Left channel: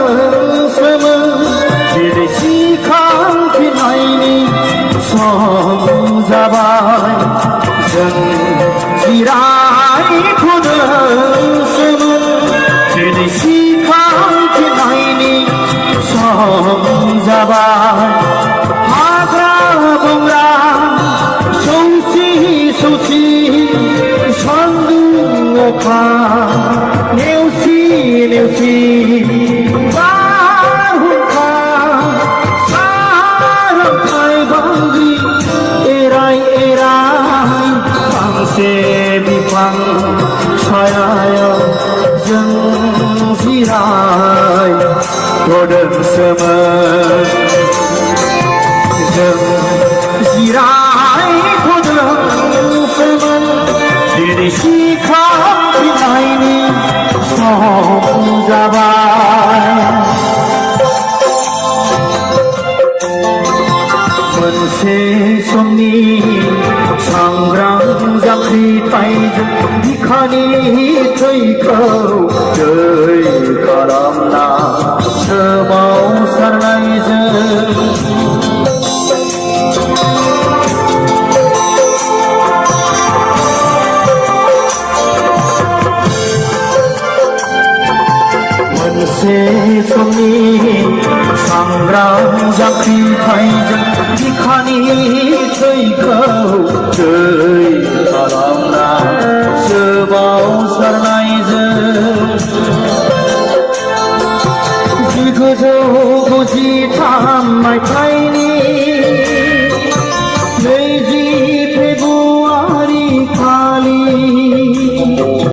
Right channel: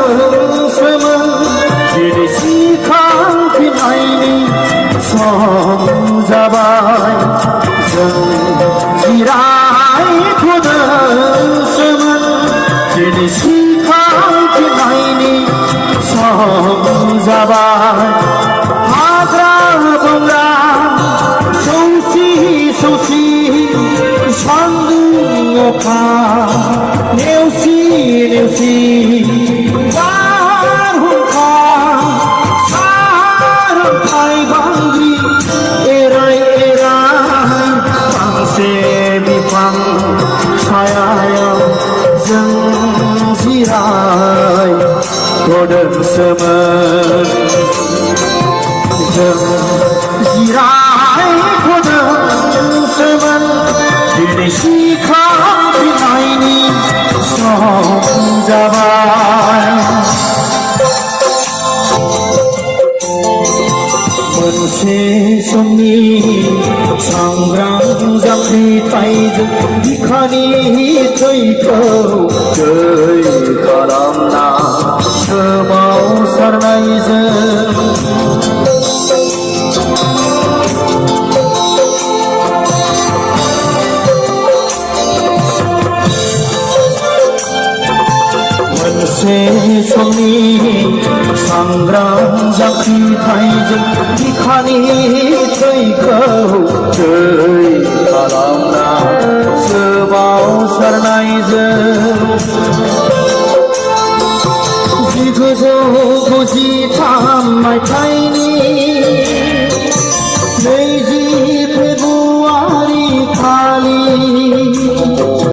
जिरायथ'दोंसोमोन दिनै सिखांफिननायनि सम जाबाय जों जिरायथ'दोंसोमोन दिनै सिखांफिननायनि सम जाबाय हाग्रा बंग्रा सौसि सौसि सान्दुं अखा नेवसि नेवसि बारहुंखा सारन्थाय बांग्रि एराय एराय फांसे बिफां सायायाव जों जिरायथ'दोंसोमोन जों जिरायथ'दोंसोमोन दिनै सिखांफिननायनि सम जाबाय मोनसे समनि सांग्रां जांख्रिथायजों बिखानि थैखौ दै खालामना सोमावसारनायजों मोनसे समनि सांग्रां जांख्रिथायजों बिखानि थैखौ दै